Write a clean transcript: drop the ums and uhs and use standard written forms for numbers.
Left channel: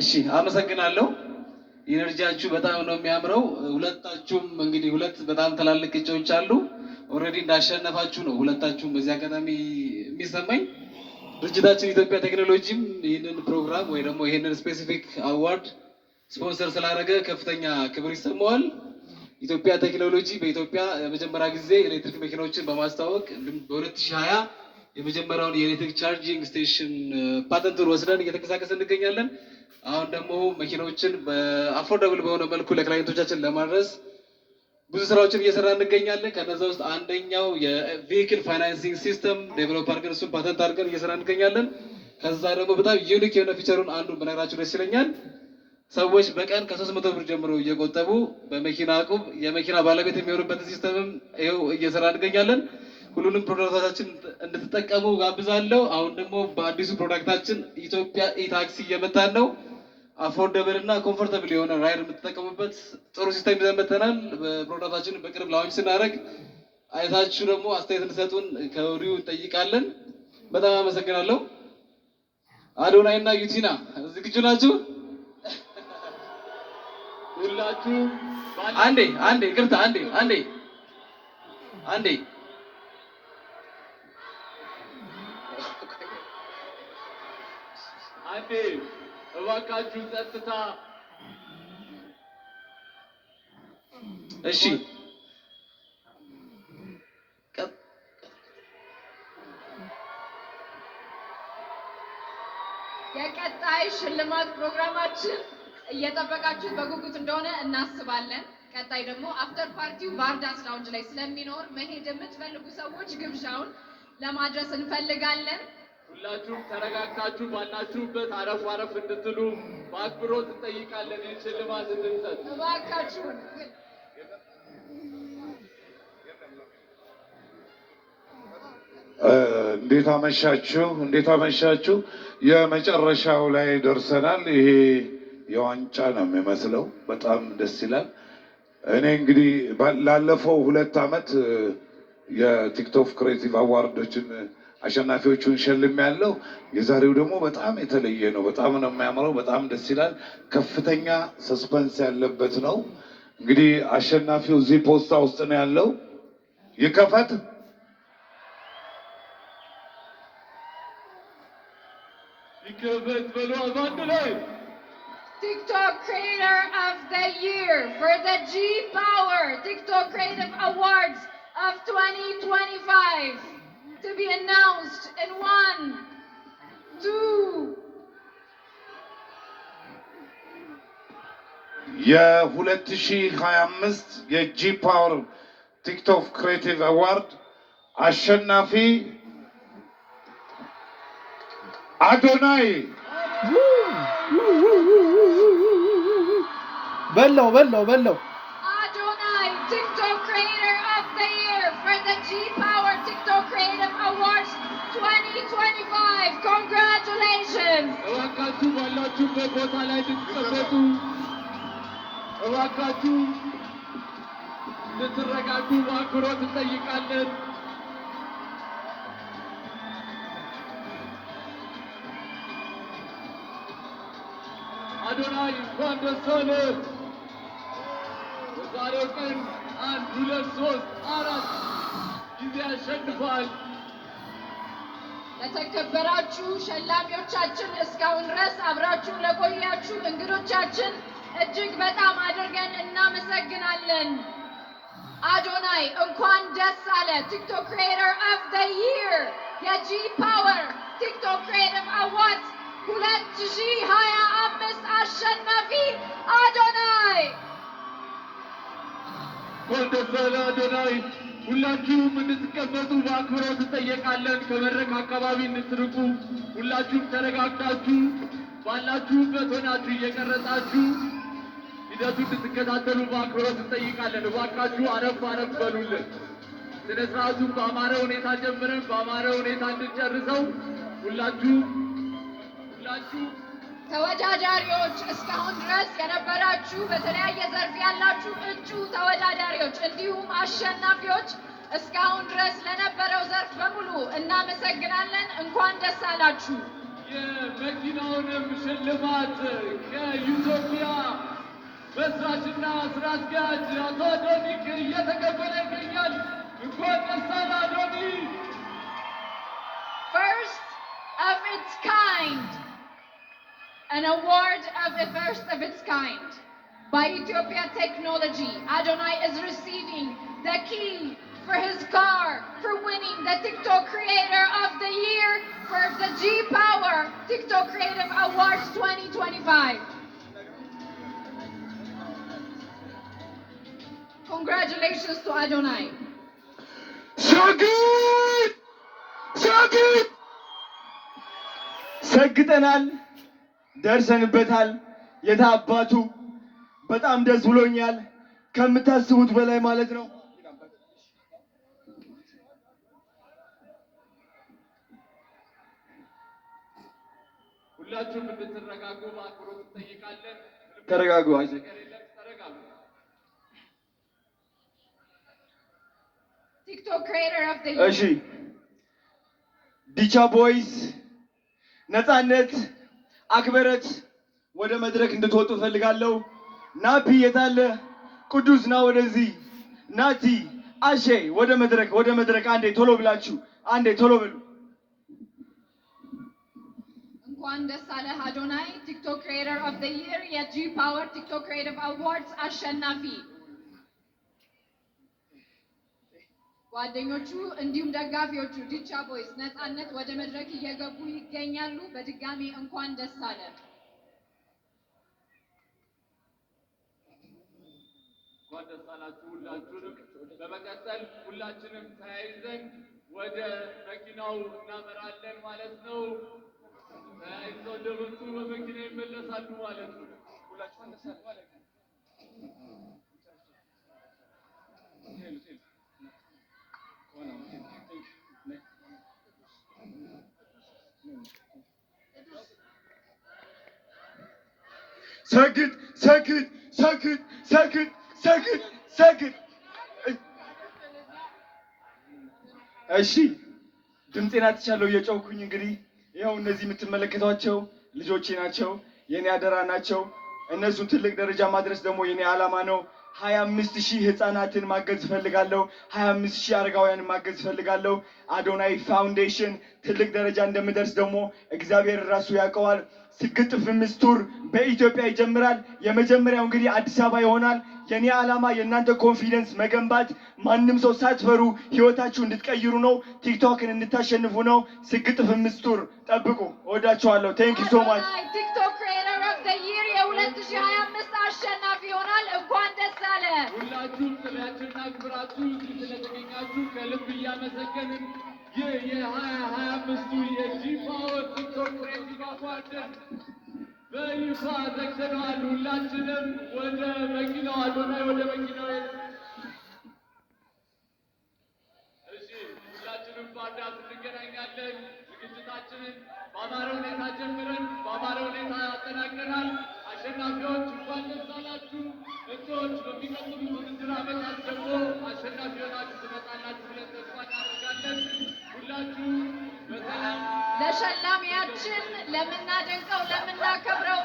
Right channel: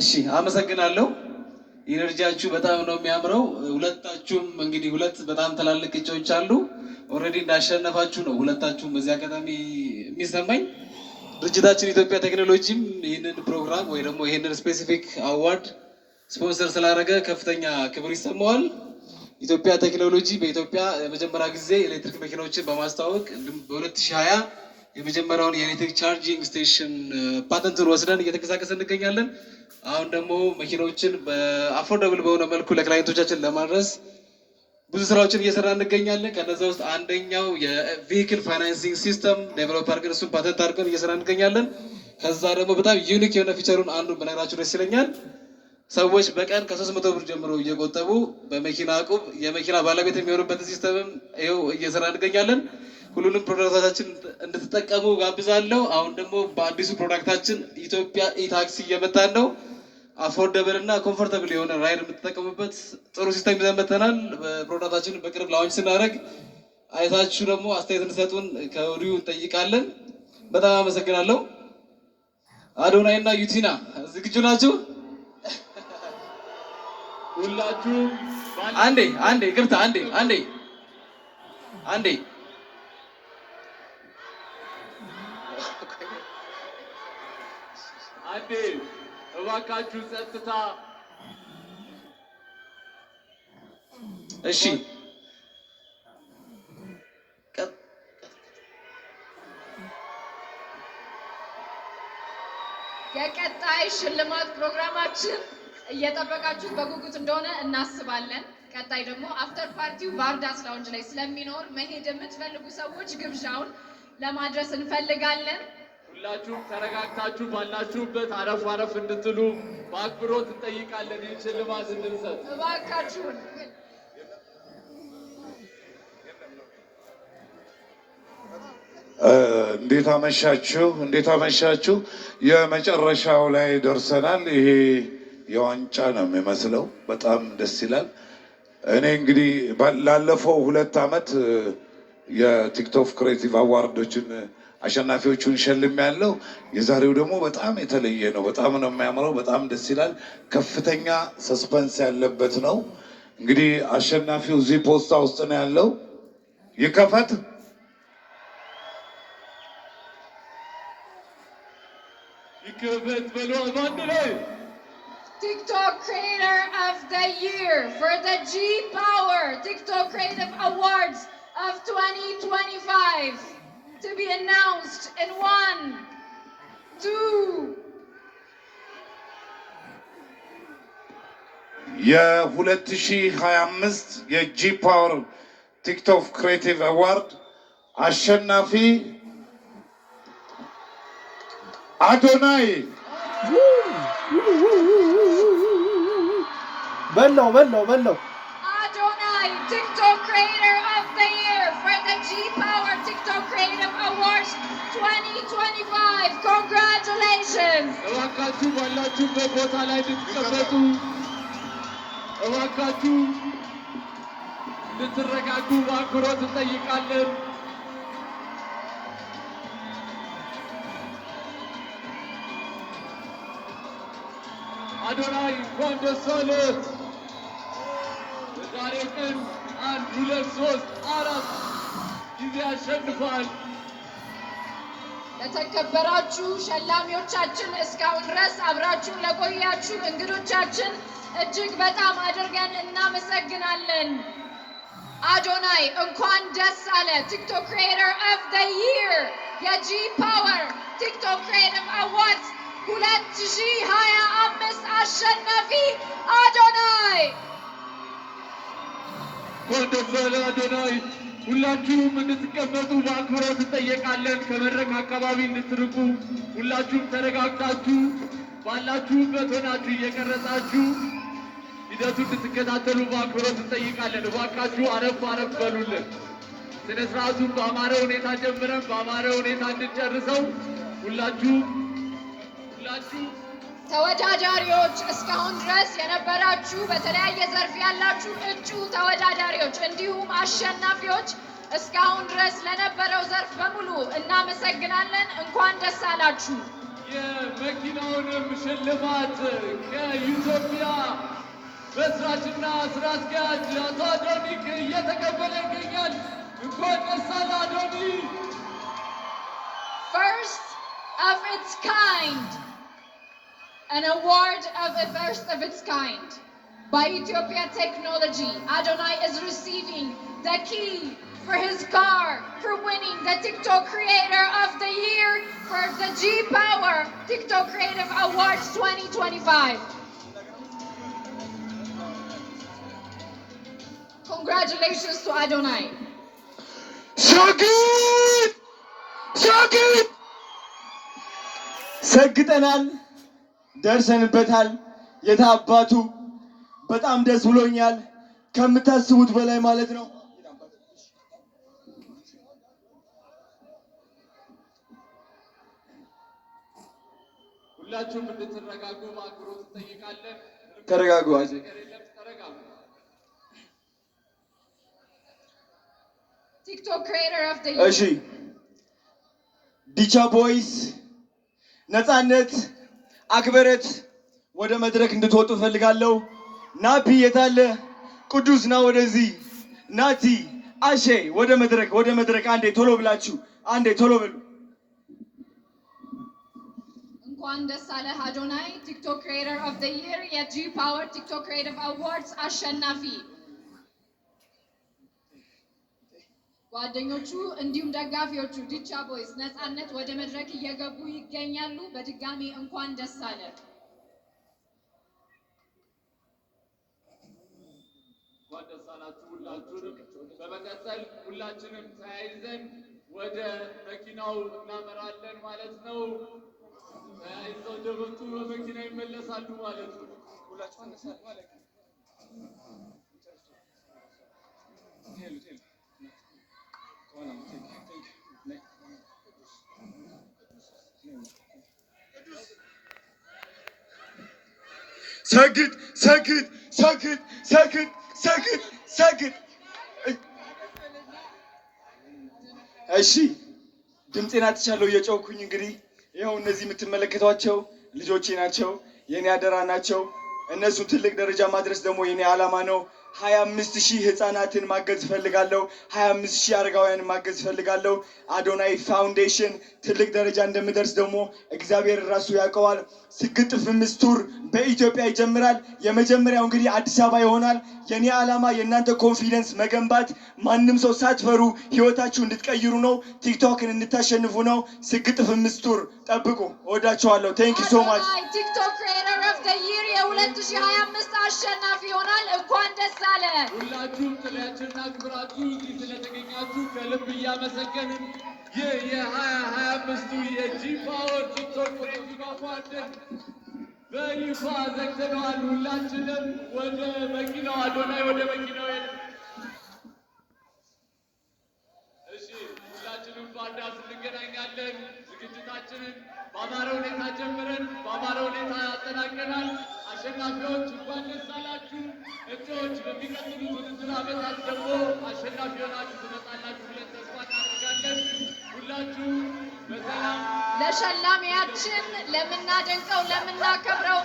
እሺ አመሰግናለሁ። ኢነርጂያችሁ በጣም ነው የሚያምረው። ሁለታችሁም እንግዲህ ሁለት በጣም ትላልቅ እጩዎች አሉ። ኦልሬዲ እንዳሸነፋችሁ ነው ሁለታችሁም በዚህ አጋጣሚ የሚሰማኝ። ድርጅታችን ኢትዮጵያ ቴክኖሎጂም ይህንን ፕሮግራም ወይ ደግሞ ይህንን ስፔሲፊክ አዋርድ ስፖንሰር ስላደረገ ከፍተኛ ክብር ይሰማዋል። ኢትዮጵያ ቴክኖሎጂ በኢትዮጵያ የመጀመሪያ ጊዜ ኤሌክትሪክ መኪናዎችን በማስተዋወቅ እንዲሁም በ2020 የመጀመሪያውን የኤሌክትሪክ ቻርጂንግ ስቴሽን ፓተንቱን ወስደን እየተንቀሳቀስ እንገኛለን። አሁን ደግሞ መኪናዎችን በአፎርደብል በሆነ መልኩ ለክላይንቶቻችን ለማድረስ ብዙ ስራዎችን እየሰራ እንገኛለን። ከነዛ ውስጥ አንደኛው የቬሂክል ፋይናንሲንግ ሲስተም ዴቨሎፕ አድርገን እሱን ፓተንት አድርገን እየሰራ እንገኛለን። ከዛ ደግሞ በጣም ዩኒክ የሆነ ፊቸሩን አንዱን በነገራችሁ ደስ ይለኛል። ሰዎች በቀን ከ300 ብር ጀምሮ እየቆጠቡ በመኪና ዕቁብ የመኪና ባለቤት የሚሆኑበትን ሲስተምም ይኸው እየሰራ እንገኛለን። ሁሉንም ፕሮዳክቶቻችን እንድትጠቀሙ ጋብዛለሁ። አሁን ደግሞ በአዲሱ ፕሮዳክታችን ኢትዮጵያ ኢታክሲ እየመጣን ነው። አፎርደብል እና ኮምፎርተብል የሆነ ራይድ የምትጠቀሙበት ጥሩ ሲስተም ይዘን መጥተናል። በፕሮዳክታችንን በቅርብ ላውንች ስናደርግ አይታችሁ ደግሞ አስተያየት እንድሰጡን ከወዲሁ እንጠይቃለን። በጣም አመሰግናለሁ። አዶናይ እና ዩቲና ዝግጁ ናችሁ? ሁላችሁም አንዴ ይቅርታ፣ አንዴ እባካችሁ ጸጥታ። እሺ የቀጣይ ሽልማት ፕሮግራማችን እየጠበቃችሁት በጉጉት እንደሆነ እናስባለን። ቀጣይ ደግሞ አፍተር ፓርቲው ባርዳስ ላውንጅ ላይ ስለሚኖር መሄድ የምትፈልጉ ሰዎች ግብዣውን ለማድረስ እንፈልጋለን። ሁላችሁም ተረጋግታችሁ ባላችሁበት አረፍ አረፍ እንድትሉ በአክብሮት እንጠይቃለን። ይህን ሽልማት እንድንሰጥ እባካችሁን። እንዴት አመሻችሁ። የመጨረሻው ላይ ደርሰናል። ይሄ የዋንጫ ነው የሚመስለው። በጣም ደስ ይላል። እኔ እንግዲህ ላለፈው 2 ዓመት የቲክቶክ ክሬቲቭ አዋርዶችን አሸናፊዎቹን ሸልም ያለው። የዛሬው ደግሞ በጣም የተለየ ነው። በጣም ነው የሚያምረው። በጣም ደስ ይላል። ከፍተኛ ሰስፐንስ ያለበት ነው። እንግዲህ አሸናፊው እዚህ ፖስታ ውስጥ ነው ያለው። ይከፈት። ይከፈት በሉ አንድ ላይ TikTok Creator of the Year for the G Power TikTok Creative Awards of 2025 to be announced in 1, 2. የ2025 የጂ ፓወር ቲክቶክ ክሬቲቭ አዋርድ አሸናፊ አዶናይ በለው Adonai, TikTok Creator of the Year for the G Power TikTok Creative Awards 2025. Congratulations! እባካችሁ ባላችሁበት ቦታ ላይ እንድትቀመጡ፣ እባካችሁ እንድትረጋጉ በአክብሮት እንጠይቃለን። አዶናይ እንኳን ደስ አለህ። በዛሬው ቀን 1 2 3 4 ጊዜ አሸንፏል። ለተከበራችሁ ሸላሚዎቻችን፣ እስካሁን ድረስ አብራችሁ ለቆያችሁ እንግዶቻችን እጅግ በጣም አድርገን እናመሰግናለን። አዶናይ እንኳን ደስ አለ። ቲክቶክ ክሪኤተር ኦፍ ዘ ይር የጂ ፓወር ቲክቶክ ክሪኤቲቭ አዋርድስ 2025 አሸናፊ አዶናይ። ወደፈለ አዶናይ። ሁላችሁም እንድትቀመጡ በአክብሮት እንጠየቃለን። ከመድረክ አካባቢ እንድትርቁ፣ ሁላችሁም ተረጋግታችሁ ባላችሁበት ሆናችሁ እየቀረጻችሁ ሂደቱን እንድትከታተሉ በአክብሮት እንጠይቃለን። እባካችሁ አረፍ አረፍ በሉልን። ስነ ስርዓቱን በአማረ ሁኔታ ጀምረን በአማረ ሁኔታ እንድንጨርሰው ሁላችሁ ተወዳዳሪዎች፣ እስካሁን ድረስ የነበራችሁ በተለያየ ዘርፍ ያላችሁ እጩ ተወዳዳሪዎች እንዲሁም አሸናፊዎች እስካሁን ድረስ ለነበረው ዘርፍ በሙሉ እናመሰግናለን። እንኳን ደስ አላችሁ። የመኪናውንም ሽልማት ከኢትዮጵያ መስራችና ስራ አስኪያጅ አቶ አዶኒክ እየተቀበለ ይገኛል። እንኳን ደስ አለህ አዶኒ! First of its kind, an award of the first of its kind. By Ethiopia Technology, Adonai is receiving the key for his car for winning the TikTok Creator of the Year for the G-Power TikTok Creative Awards 2025. Congratulations to Adonai. ሸግት ሰግጠናል፣ ደርሰንበታል። የታባቱ በጣም ደስ ብሎኛል፣ ከምታስቡት በላይ ማለት ነው። ሁላችሁም እንድትረጋጉ በአክብሮት እንጠይቃለን። ተረጋጉ። ተረጋጉ። TikTok Creator of the Year. እሺ ዲቻ ቦይስ ነፃነት አክብረት ወደ መድረክ እንድትወጡ ፈልጋለሁ። ናፒ የታለ? ቅዱስ ና ወደዚህ። ናቲ አሼ ወደ መድረክ አንዴ ቶሎ ብላችሁ አንዴ ቶሎ በሉ። እንኳን ደስ አለህ አዶናይ፣ ቲክቶክ ክሪኤተር ኦፍ ዘ ይር የጂ ፓወር ቲክቶክ ክሪኤቲቭ አዋርድስ አሸናፊ። ጓደኞቹ እንዲሁም ደጋፊዎቹ ዲቻ ቦይስ ነፃነት ወደ መድረክ እየገቡ ይገኛሉ። በድጋሚ እንኳን ደስ አለ። እንኳን ደስ አላችሁ ሁላችሁንም። በመቀጠል ሁላችንም ተያይዘን ወደ መኪናው እናመራለን ማለት ነው። ተያይዘው እንደመጡ በመኪና ይመለሳሉ ማለት ነው። ሰግጥ ሰግጥ ሰግጥ ሰግጥ ሰግጥ ሰግጥ። እሺ ድምፄን አጥቻለሁ እየጮኩኝ። እንግዲህ ይኸው እነዚህ የምትመለከቷቸው ልጆቼ ናቸው፣ የኔ አደራ ናቸው። እነሱን ትልቅ ደረጃ ማድረስ ደግሞ የኔ ዓላማ ነው። 25,000 ህፃናትን ማገዝ እፈልጋለሁ። 25,000 አረጋውያንን ማገዝ እፈልጋለሁ። አዶናይ ፋውንዴሽን ትልቅ ደረጃ እንደምደርስ ደግሞ እግዚአብሔር ራሱ ያውቀዋል። ስግጥ ፍምስ ቱር በኢትዮጵያ ይጀምራል። የመጀመሪያው እንግዲህ አዲስ አበባ ይሆናል። የኔ ዓላማ የእናንተ ኮንፊደንስ መገንባት፣ ማንም ሰው ሳትፈሩ ህይወታችሁ እንድትቀይሩ ነው። ቲክቶክን እንድታሸንፉ ነው። ስግጥ ፍምስ ቱር ጠብቁ። እወዳችኋለሁ። ቴንክ ዩ ሶ ማች። ቲክቶክ ክሪኤተር ኦፍ ዘ ይር የ2025 አሸናፊ ይሆናል። እንኳን ደስ አለ። ሁላችሁም ጥሪያችንን አክብራችሁ እዚህ ስለተገኛችሁ ከልብ እያመሰገንን ይህ የ2025ቱ የጂ ፓወር ቲክቶክ ክሬቲቭ አዋርድን በይፋ ዘግተነዋል። ሁላችንም ወደ መኪናው አዶናይ ወደ መኪናው እሺ፣ ሁላችንም በአዳስ እንገናኛለን። ዝግጅታችንን በአማረ ሁኔታ ጀምረን በአማረ ሁኔታ ያጠናቀናል። አሸናፊዎች እንኳን ደስ አላችሁ። እጩዎች በሚቀጥሉት ውድድር ዓመታት ደግሞ አሸናፊ ሆናችሁ ትመጣላችሁ ብለን ተስፋ እናደርጋለን። ሁላችሁ በሰላም ለሸላሚያችን ለምናደንቀው ለምናከብረው